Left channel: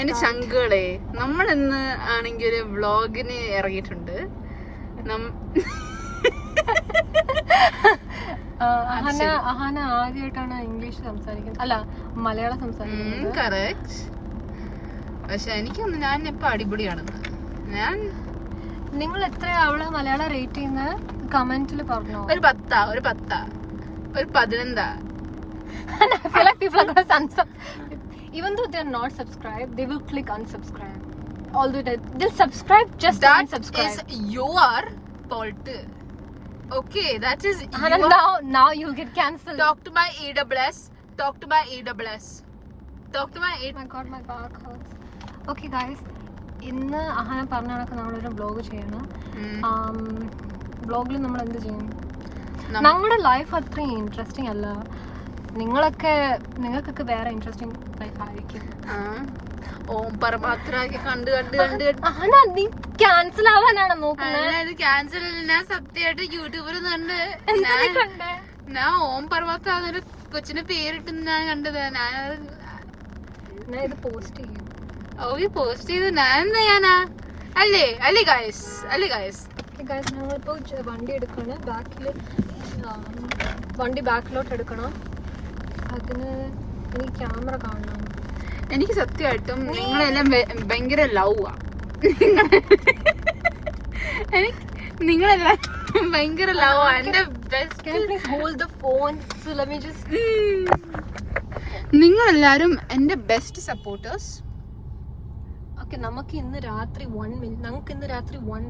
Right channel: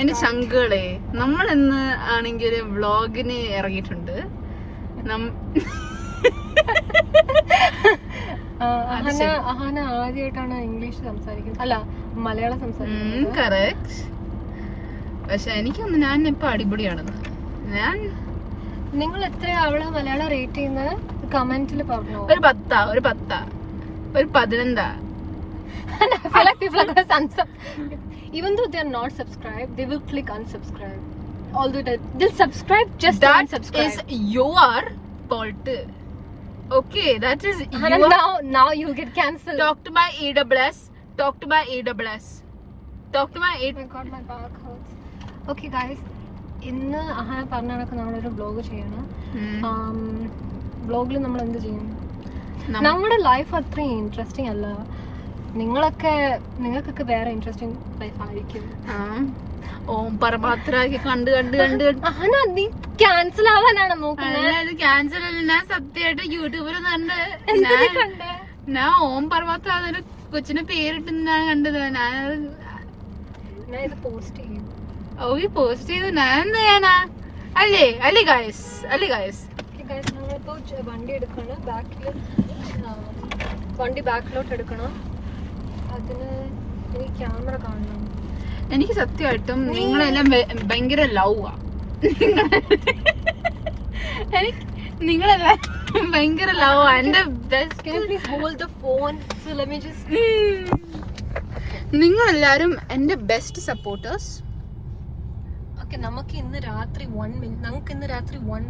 എന്റെ ചങ്കുകളെ, നമ്മൾ ഇന്ന് ആണെങ്കിൽ ഒരു വ്ളോഗിന് ഇറങ്ങിയിട്ടുണ്ട്. അഹാന ആദ്യമായിട്ടാണ് ഇംഗ്ലീഷ് സംസാരിക്കുന്നത്, അല്ല മലയാളം സംസാരിക്കുന്നത്. കറക്റ്റ്. പക്ഷെ എനിക്കൊന്ന് ഞാൻ ഇപ്പൊ അടിപൊളിയാണെന്ന്. നിങ്ങൾ എത്ര അവളെ മലയാളം റേറ്റ് ചെയ്യുന്നത് കമന്റിൽ പറഞ്ഞു. ഒരു 10, ഒരു 11. Even though they are not subscribed, they will click unsubscribe. Although they'll subscribe just that unsubscribe. is your fault. Okay, that is your. Now you get cancelled. Talk to my EWS. Talk to my EWS. Talk to my Oh my god, my back hurts. Okay guys, ഇന്ന് അഹാന പറഞ്ഞ കണക്ക് നമ്മളൊരു vlog ചെയ്യണം. വ്ളോഗിൽ നമ്മൾ എന്ത് ചെയ്യും? നമ്മുടെ ലൈഫ് അത്രയും ഇൻട്രസ്റ്റിംഗ് അല്ല. നിങ്ങൾക്കൊക്കെ വേറെ ഇൻട്രസ്റ്റിംഗ് ലൈഫ് ആയിരിക്കും. ഓം പരമാത്രാക്കി കണ്ട് നീ ക്യാൻസൽ ആവാനാണ് നോക്കുന്നത്. ക്യാൻസൽ അല്ല, ഞാൻ സത്യമായിട്ട് യൂട്യൂബിൽ കണ്ട് ഞാൻ ഓം പരമാത്ര അതൊരു കൊച്ചിനെ പേരിട്ട് ഞാൻ കണ്ടത്. ഞാൻ ഇത് പോസ്റ്റ് ചെയ്യും. പോസ്റ്റ് ചെയ്ത് ഞാൻ എന്താ ചെയ്യാനാ? അല്ലേ ഗൈസ് നമ്മളിപ്പോ വണ്ടി എടുക്കണം. വണ്ടി ബാക്കിലോട്ട് എടുക്കണം. അതിന് എനിക്ക് ക്യാമറ കാണണം. എനിക്ക് സത്യമായിട്ടും നിങ്ങളെല്ലാം ഭയങ്കര ലവ് ആ. നിങ്ങളെല്ലാം ഭയങ്കര ലവ് ആ. എന്റെ നിങ്ങളെല്ലാരും എന്റെ ബെസ്റ്റ് സപ്പോർട്ടേഴ്സ്. നമുക്ക് ഇന്ന് രാത്രി 1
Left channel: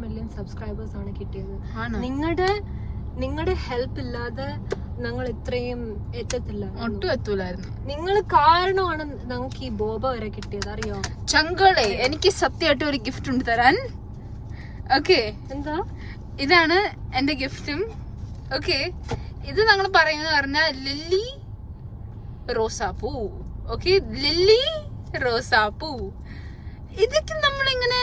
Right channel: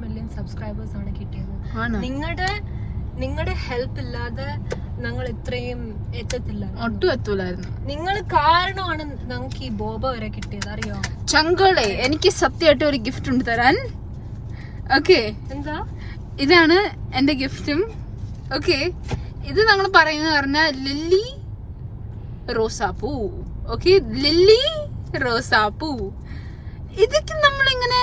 മില്യൺ സബ്സ്ക്രൈബേഴ്സ് ആണ് കിട്ടിയത്. നിങ്ങളുടെ ഹെൽപ്പ് ഇല്ലാതെ ഞങ്ങൾ ഇത്രയും എത്തത്തില്ല, ഒട്ടും എത്തൂലായിരുന്നു. നിങ്ങൾ കാരണമാണ് ഞങ്ങൾക്ക് ഈ ബോബ വരെ കിട്ടിയത്, അറിയോ? ചങ്കളെ, എനിക്ക് സത്യമായിട്ട് ഒരു ഗിഫ്റ്റ് ഉണ്ട് തരാൻ. ഓക്കെ, എന്താ? ഇതാണ് എന്റെ ഗിഫ്റ്റും. ഓക്കെ, ഇത് ഞങ്ങൾ പറയുന്നത് പറഞ്ഞാൽ ലില്ലി റോസാപ്പൂ. ഓക്കെ, ലില്ലി റോസാപ്പൂ. ഇതൊക്കെ നമ്മളിങ്ങനെ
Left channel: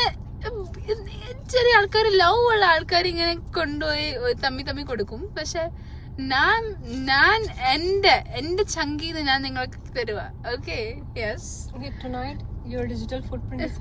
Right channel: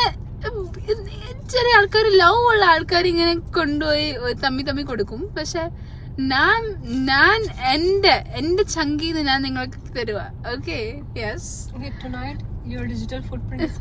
ചെറിയ ആൾക്കാർ, ലവ് ഉള്ള ആൾക്കാർ ഇങ്ങനെ കൊണ്ടുപോയി തമ്മി കൊടുക്കും. പക്ഷെ ഞാൻ എന്റെ ചങ്കീന്ന് ഞാൻ നിങ്ങൾക്ക് തരുക. Okay, yes. Tonight your digital footprint is